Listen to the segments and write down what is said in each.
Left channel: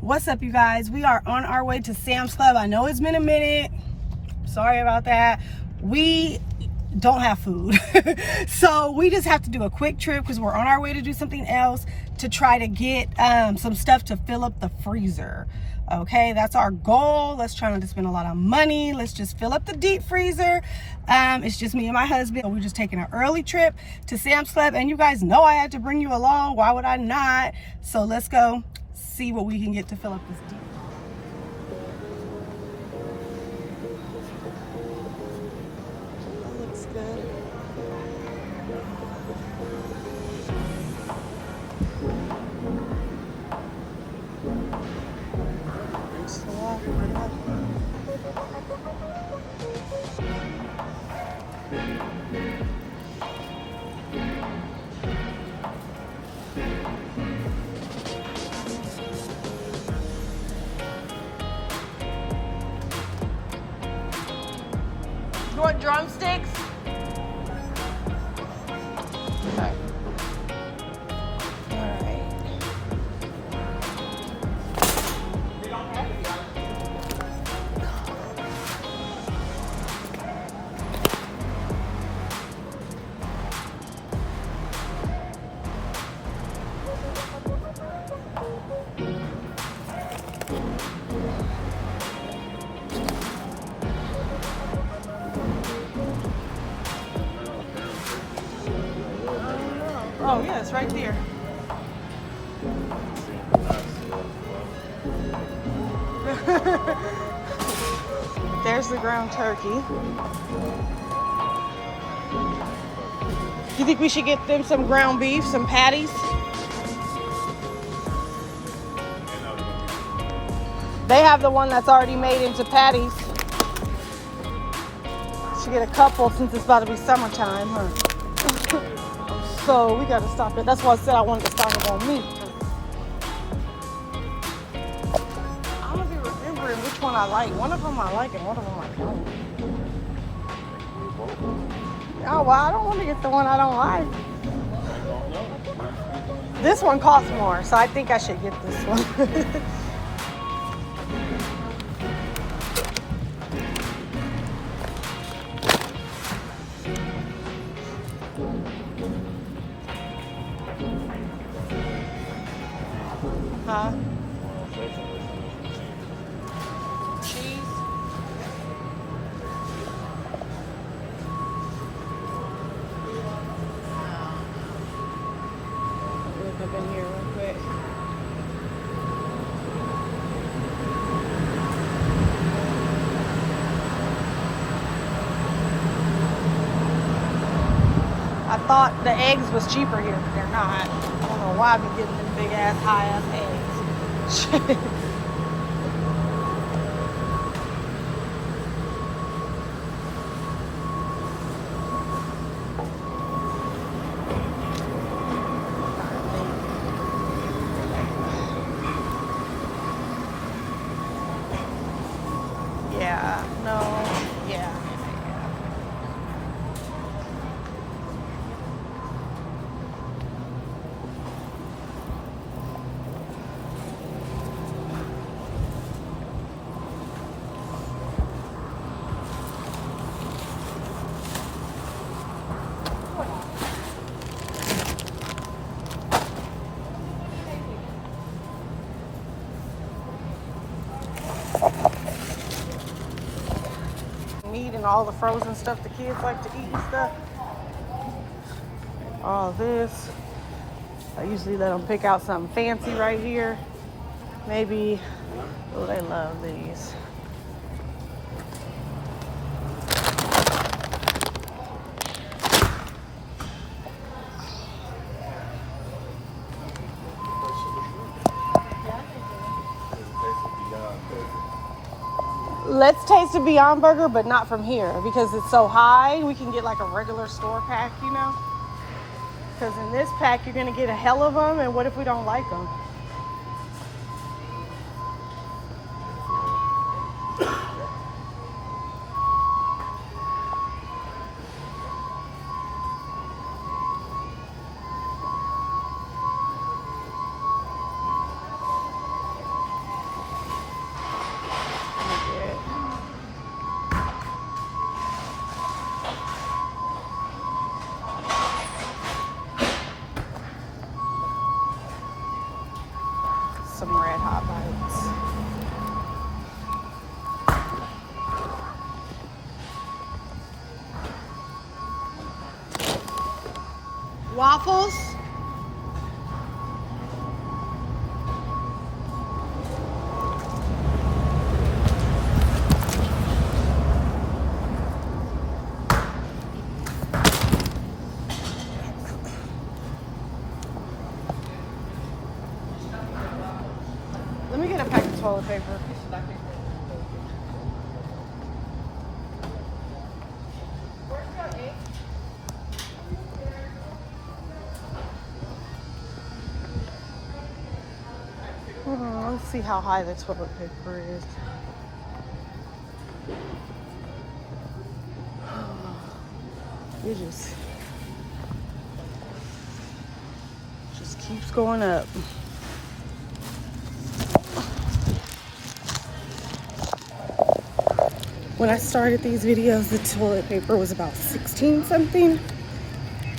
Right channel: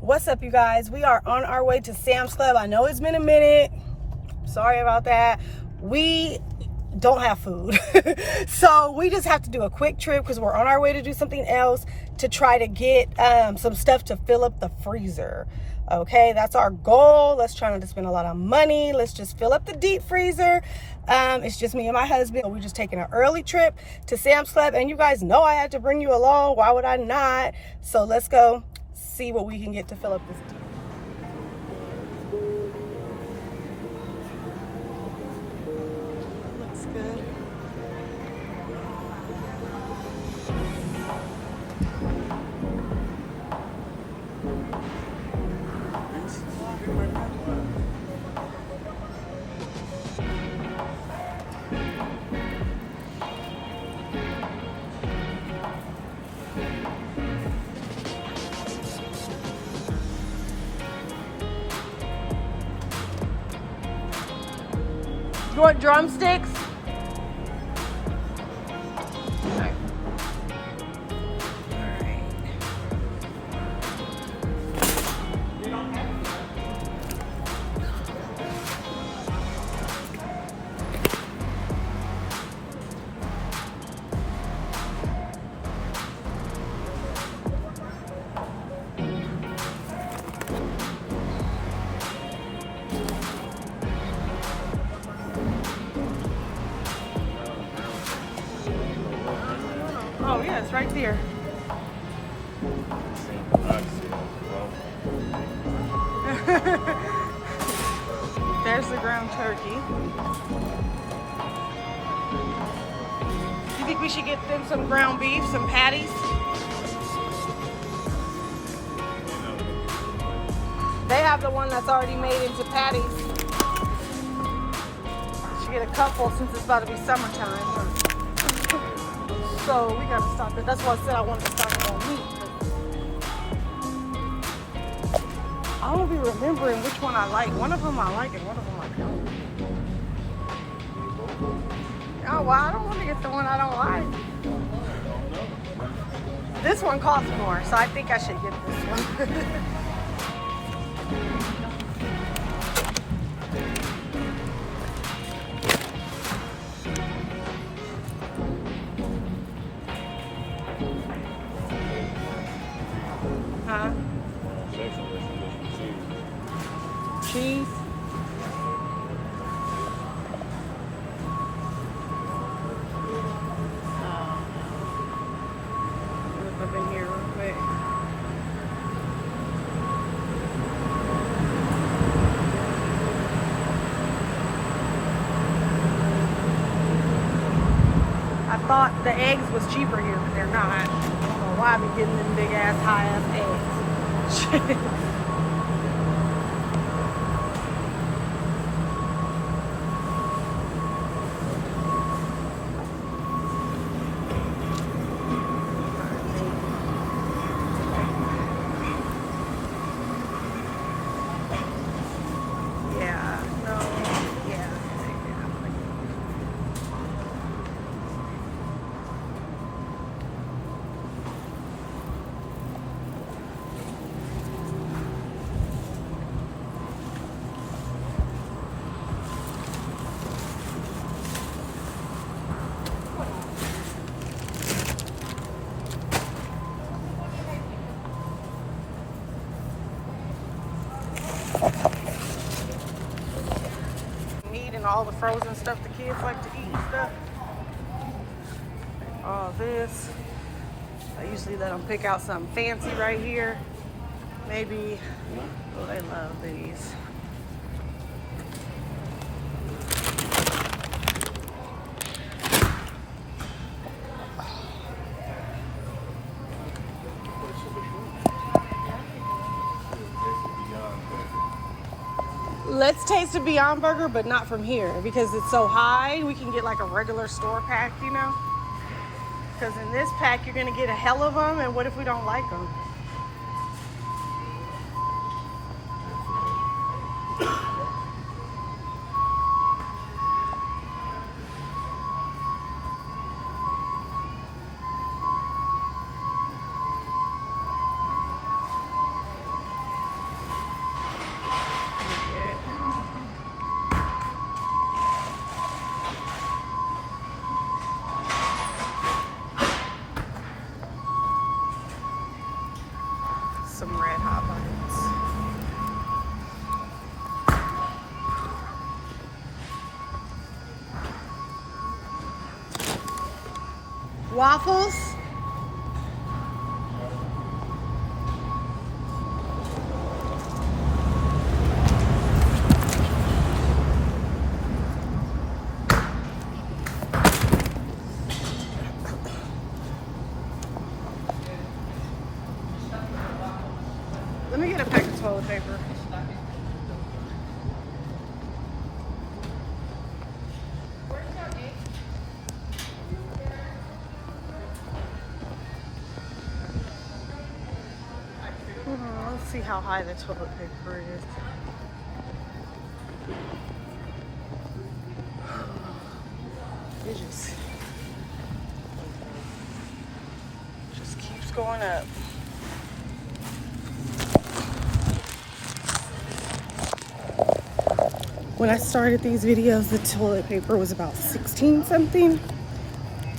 What's up, you guys? We are on our way to Sam's Club. I know it's been a minute. Sorry about that. We don't have food. So we just have to do a quick trip because we're on our way to do something else to try to get some stuff to fill up the freezer. Okay, that's our goal. Let's try not to spend a lot of money. Let's just fill up the deep freezer. It's just me and my husband. We're just taking an early trip to Sam's Club, and you guys know I had to bring you along. Why would I not? So let's go see what we can get to fill up this. That looks good. You want drumsticks? Alright. Oh yeah, it's right there. There's the ground turkey. You think we should get them some ground beef, some patties? They have the one that's already made into patties. Should get a couple since it's about to be summertime. So we gotta stop it. That's why I said I wanted to stop it on meat. I don't be remembering which one I like. One of them I like and one of them I don't. Oh, well, I don't want to get the one I don't like. This one costs more, so I think I should get this one. Huh? Cheese? Look up in here real quick. I thought the eggs was cheaper here, but they're not. I don't know why I've been getting them big ass, high ass eggs. Yeah, no, yeah. Meat and all the frozen stuff the kids like to eat and stuff. All this. I usually let them pick out something fancy right here. Maybe, oh, they love these. Let's taste a Beyond Burger, but not from here because it's so high. We can get like a regular store pack, you know? Because in this pack, you're gonna get a hell of them, and what if we don't like them? some red hot bites. Waffles? Let me get a pack of toilet paper. Let's see how high the toilet paper is. It just keeps going up. When I started these videos, the toilet paper was about 16 something.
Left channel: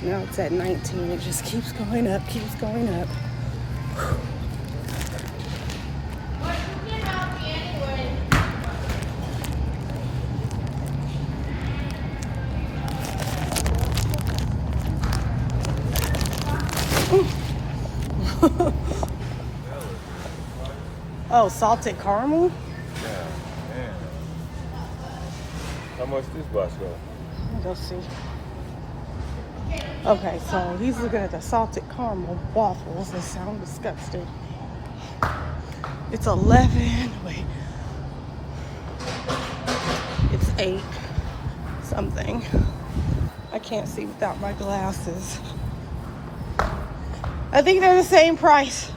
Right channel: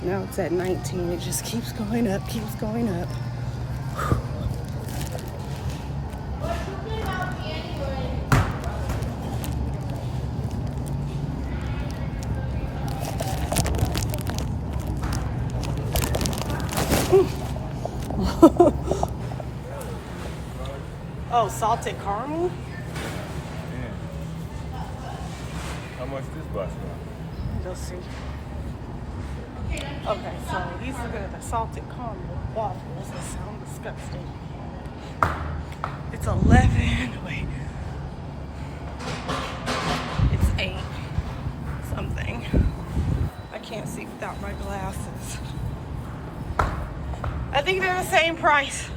Now it's at 19. It just keeps going up, keeps going up. Oh, salted caramel? How much this box cost? Let me go see. Okay, so he's looking at the salted caramel waffles. They sound disgusting. It's 11. Wait. It's 8 something. I can't see without my glasses. I think they're the same price.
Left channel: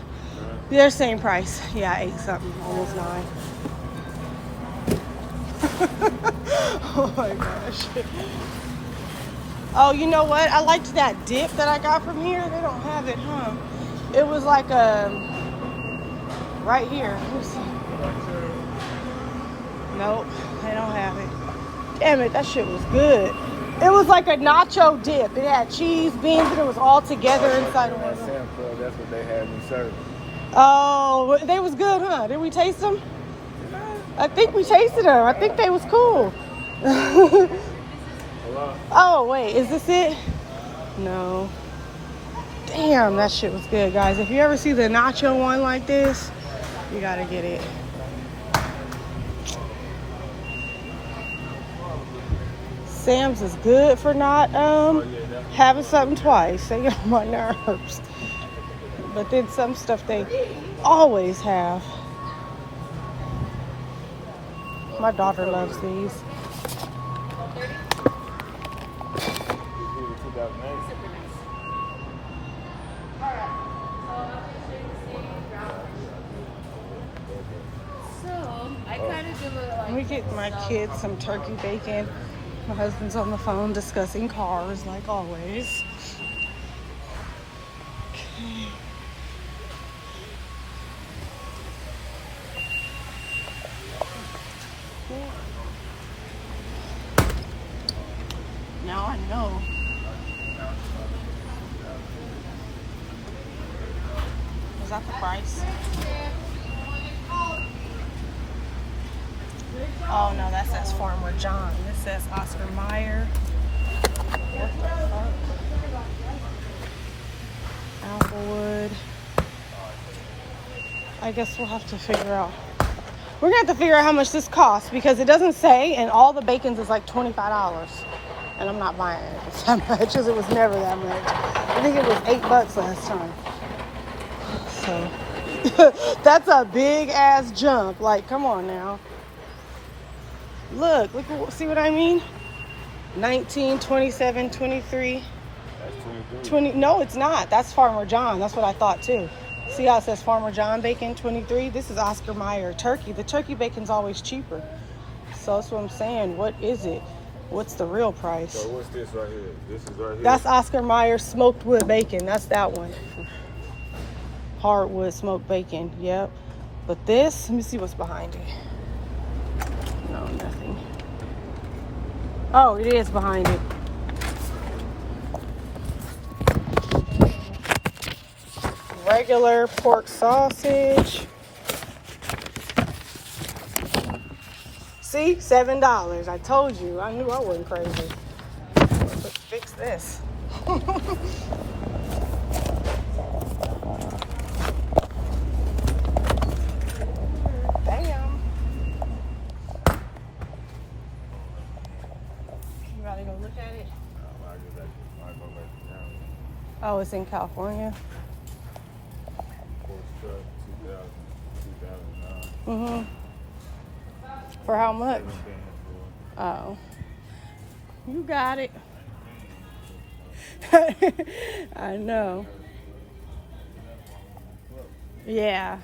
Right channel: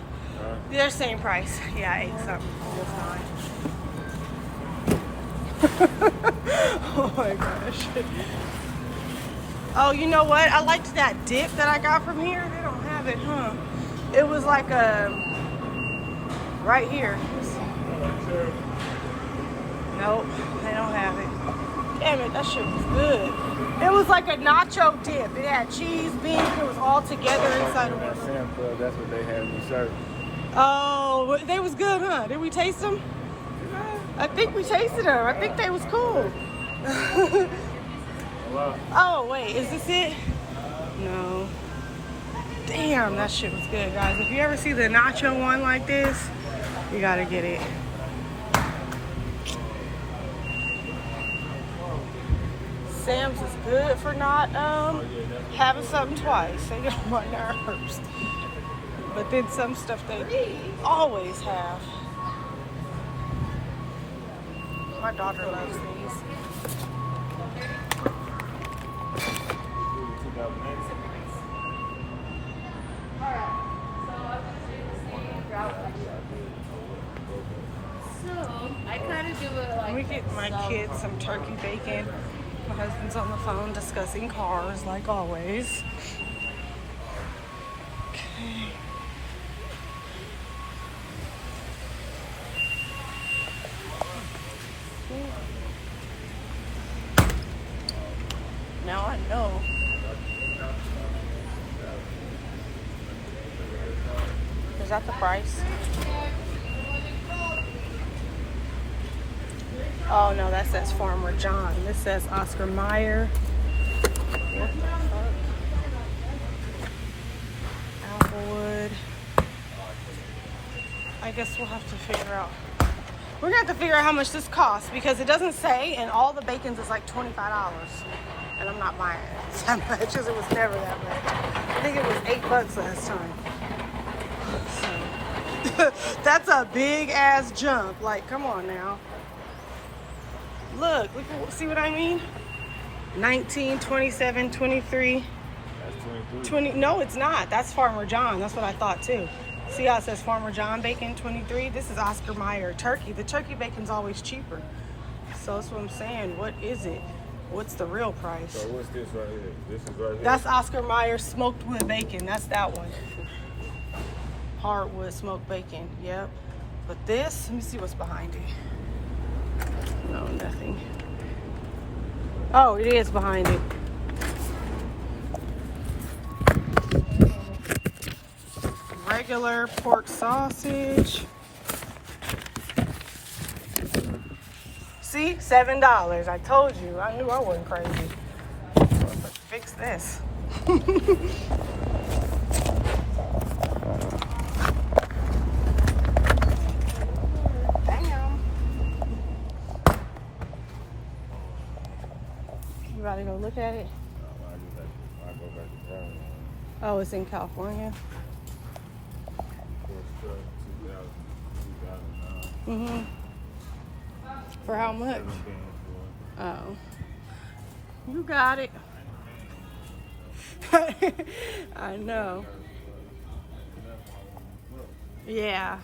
They're the same price. Yeah, 8 something. Almost 9. Oh my gosh. Oh, you know what? I liked that dip that I got from here. They don't have it, huh? It was like right here. Let's see. Nope, they don't have it. Damn it, that shit was good. It was like a nacho dip. It had cheese, beans, and it was all together inside of one. Sam Club, that's what they had in service. Oh, they was good, huh? Did we taste them? I think we tasted them. I think they was cool. Hello? Oh, wait, is this it? No. Damn, that shit was good, guys. If you ever see the nacho one like this, you gotta get it. Sam's is good for not having something twice. They get on my nerves. But then some stuff they always have. My daughter loves these. Let me get my kids some turkey bacon. My husband's on the phone discussing cars, like always. Okay. Now I know. Is that the price? Oh no, that says Farmer John. This says Oscar Mayer. What the fuck? Applewood. I guess we'll have to figure out. We're gonna have to figure out how much this costs because it doesn't say, and all the bacon's is like $25. And I'm not buying it that much because it was never that much. I think it was $8 last time. So that's a big ass jump. Like, come on now. Look, see what I mean? 19, 27, 23. That's 23. 20. No, it's not. That's Farmer John. That's what I thought too. See how it says Farmer John bacon 23? This is Oscar Mayer turkey. The turkey bacon's always cheaper. So that's what I'm saying. What is it? What's the real price? So what's this right here? This is right here? That's Oscar Mayer smoked wood bacon. That's that one. Hardwood smoked bacon. Yep. But this, let me see what's behind it. No, nothing. Oh, it is behind it. Regular pork sausage. See? $7. I told you. I knew I wasn't crazy. Let's fix this. Damn. You ready to go look at it? I go back to town. Oh, it's in California. Ford truck, 2009. For how much? Oh. You got it. I know. Yeah.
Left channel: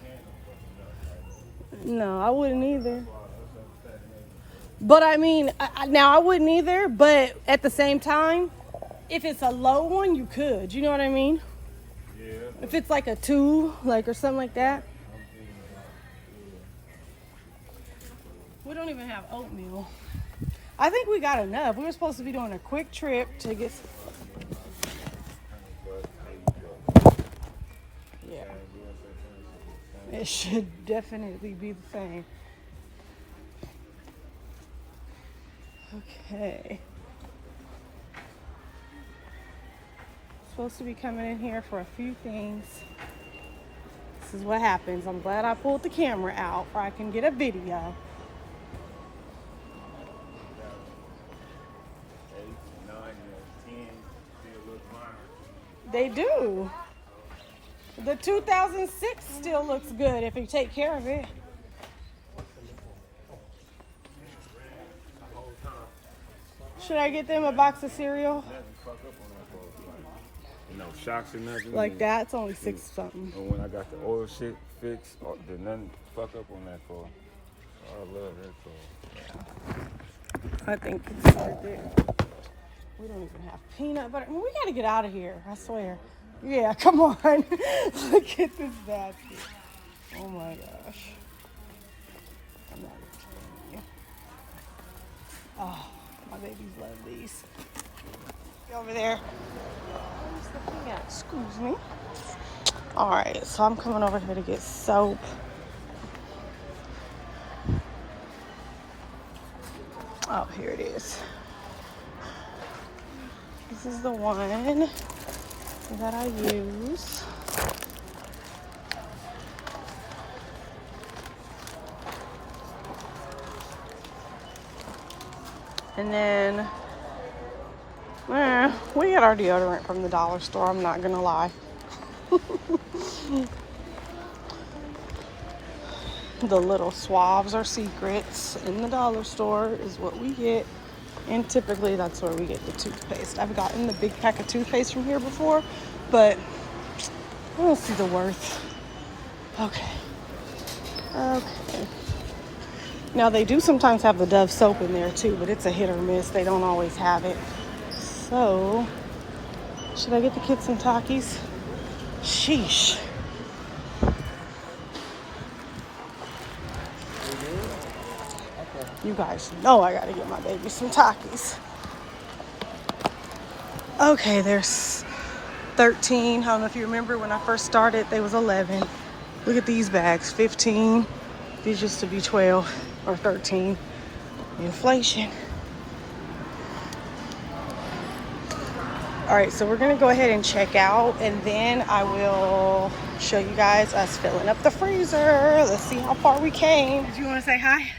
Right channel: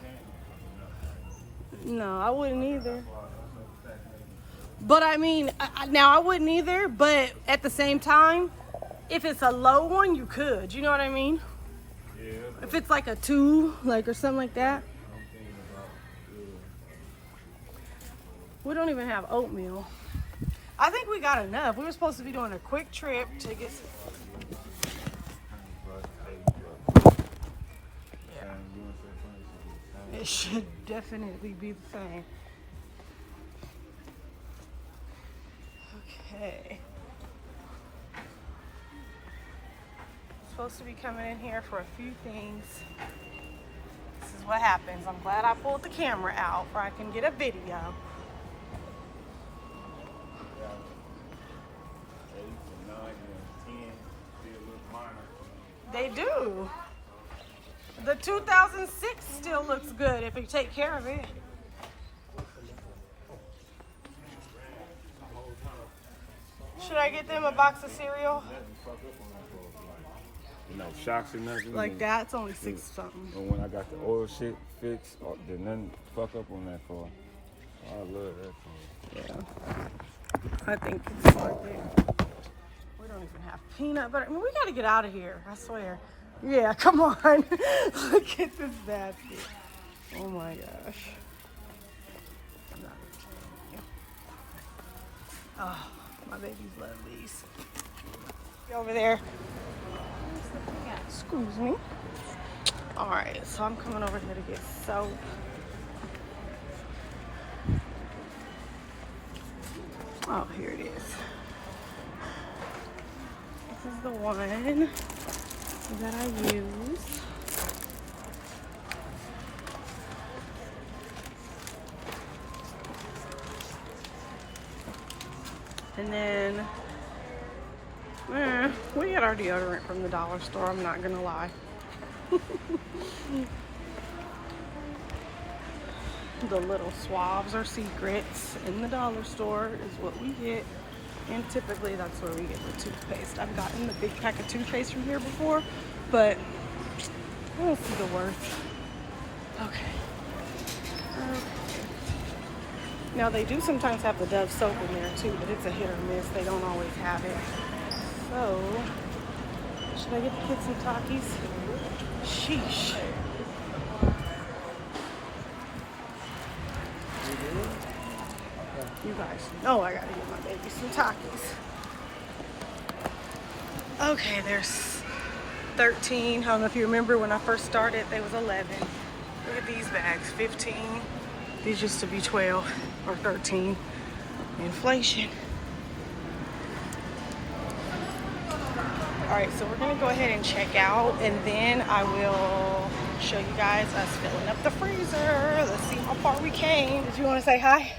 No, I wouldn't either. But I mean, now I wouldn't either, but at the same time, if it's a low one, you could. You know what I mean? Yeah. If it's like a 2, like, or something like that. We don't even have oatmeal. I think we got enough. We were supposed to be doing a quick trip to get. Yeah. It should definitely be the same. Okay. Supposed to be coming in here for a few things. This is what happens. I'm glad I pulled the camera out where I can get a video. They do. The 2006 still looks good if you take care of it. Should I get them a box of cereal? No shocks or nothing. Like that? It's only 6 something. And when I got the oil shit fixed, did nothing fuck up on that car. I love that car. Yeah. I think it's worth it. We don't even have peanut butter. I mean, we gotta get out of here, I swear. Yeah, come on. Look at this basket. Oh my gosh. I'm not even kidding you. Oh, my babies love these. Get over there. Excuse me. Alright, so I'm coming over here to get soap. Oh, here it is. This is the one that I use. And then we get our deodorant from the dollar store, I'm not gonna lie. The little swabs are secrets in the dollar store is what we get. And typically that's where we get the toothpaste. I've gotten the big pack of toothpaste from here before, but I don't see the worth. Okay. Now they do sometimes have the Dove soap in there too, but it's a hit or miss. They don't always have it. So, should I get the kids some Takis? Sheesh. You guys know I gotta get my baby some Takis. Okay, there's 13. I don't know if you remember when I first started, they was 11. Look at these bags, 15. These used to be 12 or 13. Inflation. All right, so we're gonna go ahead and check out, and then I will show you guys us filling up the freezer. Let's see how far we came. Did you want to say hi?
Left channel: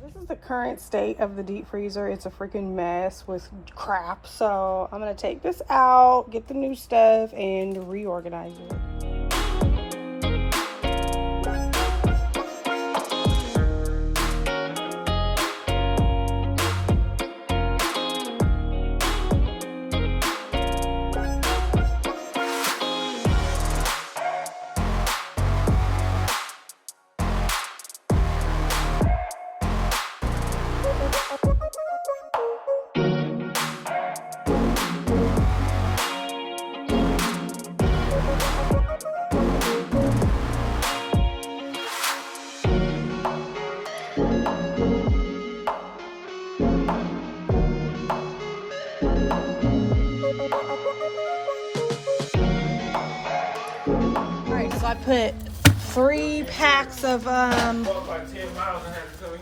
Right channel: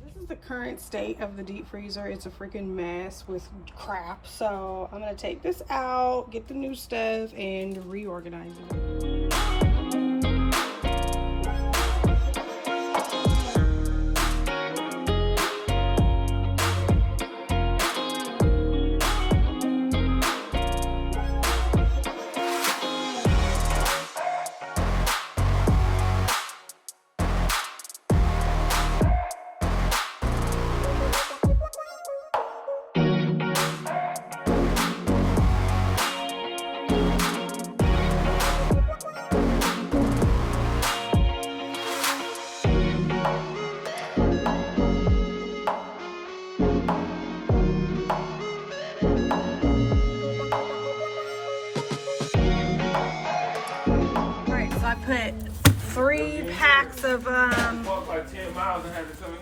This is the current state of the deep freezer. It's a freaking mess with crap. So I'm gonna take this out, get the new stuff, and reorganize it. 3 packs of Walked like 10 miles and had to tell me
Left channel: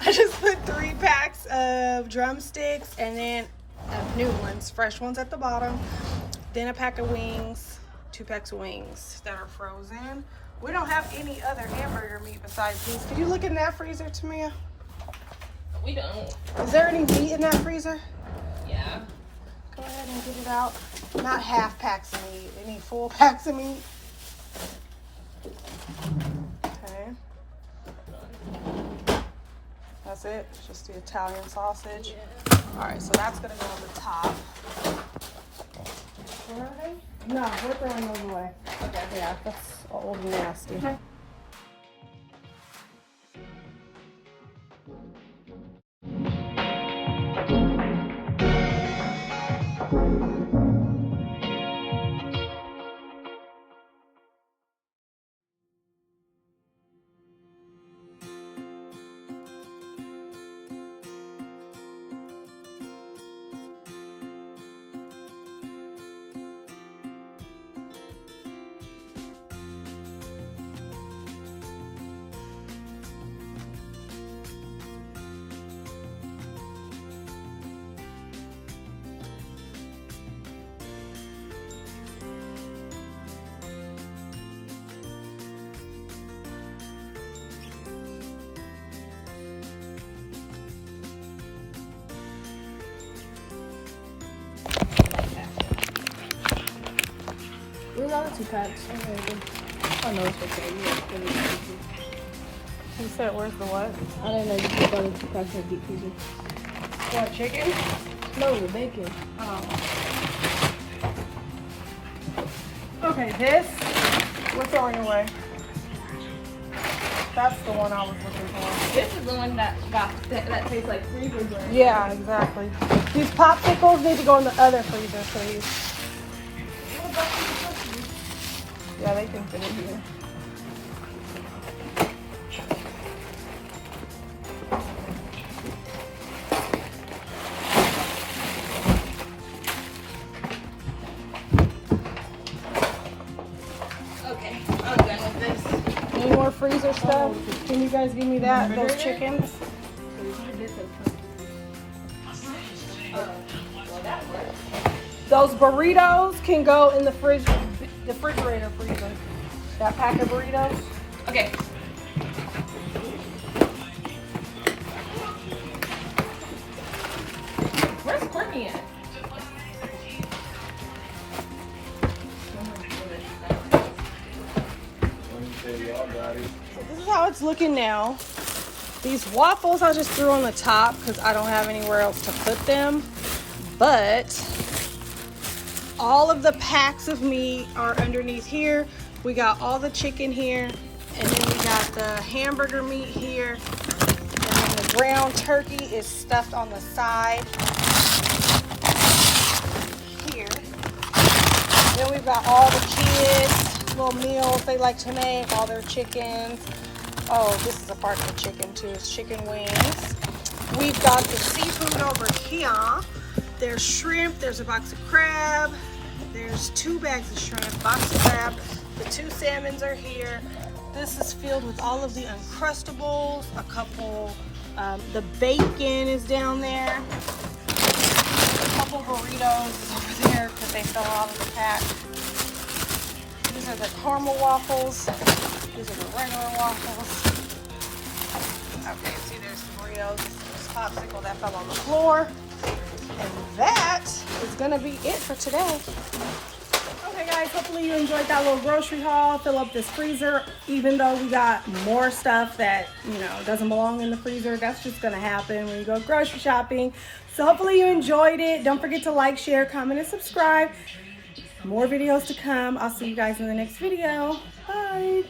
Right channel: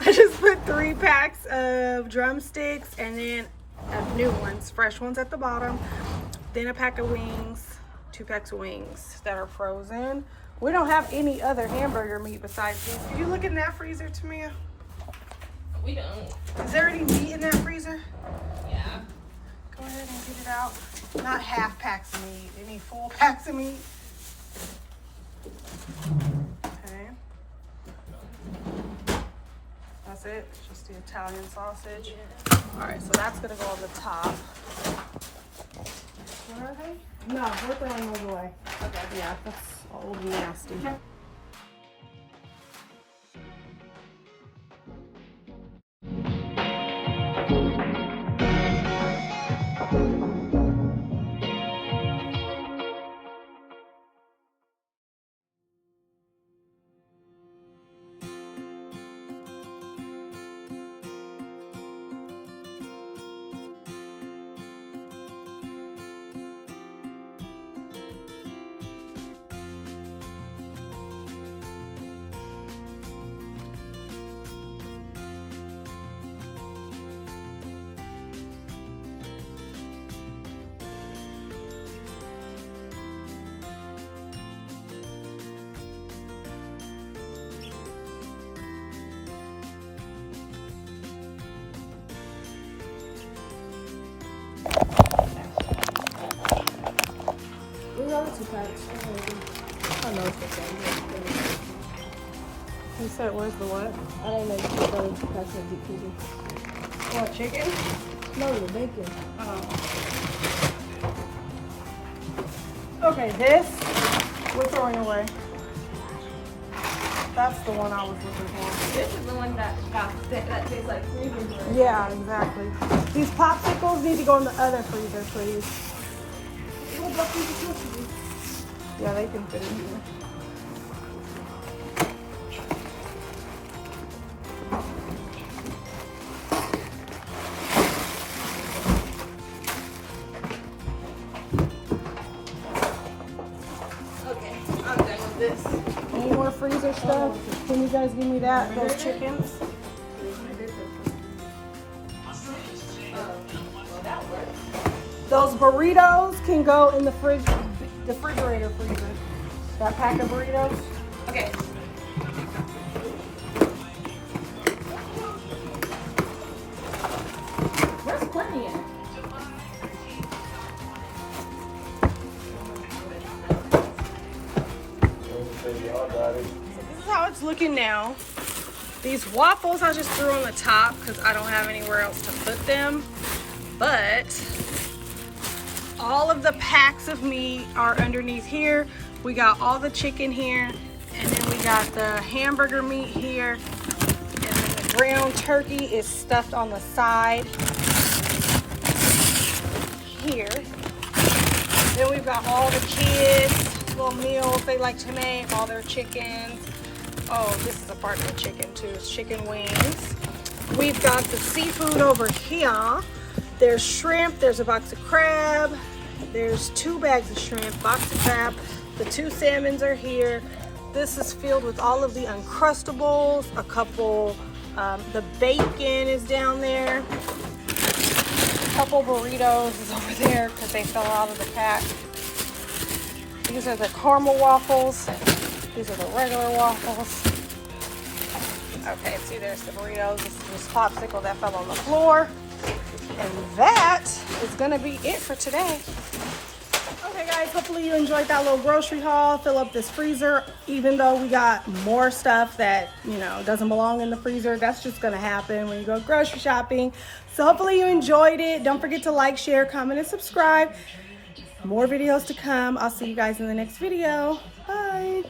I just put 3 packs of drumsticks and then new ones, fresh ones at the bottom. Then a pack of wings, 2 packs of wings that are frozen. We don't have any other hamburger meat besides these. Can you look in that freezer, Tamia? We don't. Is there any meat in that freezer? Yeah. Go ahead and get it out. Not half packs of meat. Any full packs of meat? Okay. That's it. Just the Italian sausage. All right, so that's gonna go on the top. Where are they? No, they're throwing those away. Okay. Yeah, that's old and nasty. You said, where's the what? I don't know if you got 2 packs of deep freezer. What, chicken? No, the bacon. Oh. Okay, this we're throwing away. That's the one I was looking for. This is the one that that tastes like freezer. Yeah, exactly. These popsicles need to go in the other freezer, please. What about freezer cookies? Yeah, they can fit in here. Okay, I'm done with this. Any more freezer stuff? Can you guys give me that? Those chickens? Well, that works. Those burritos can go in the refrigerator freezer. That pack of burritos. Okay. Where's Courtney at? So this is how it's looking now. These waffles I just threw on the top because I don't have anywhere else to put them. But all of the packs of meat are underneath here. We got all the chicken here, and then we got the hamburger meat here, and then the ground turkey is stuffed on the side here. Then we've got all the kids' little meals they like to make, all their chickens. Oh, this is a part of the chicken too, it's chicken wings. We've got the seafood over here. There's shrimp, there's a box of crab, there's 2 bags of shrimp, box of crab, the 2 salmons are here. This is filled with all of the Uncrustables, a couple, the bacon is down there, a couple burritos is over there because they fell out of the pack. These are the caramel waffles, these are the regular waffles. Okay, see there's the burritos, this popsicle that fell on the floor. And that is gonna be it for today. Okay guys, hopefully you enjoyed that little grocery haul. Fill up this freezer, even though we got more stuff that, you know, doesn't belong in the freezer. That's just gonna happen when you go grocery shopping. So hopefully you enjoyed it. Don't forget to like, share, comment, and subscribe. More videos to come. I'll see you guys in the next video. Bye.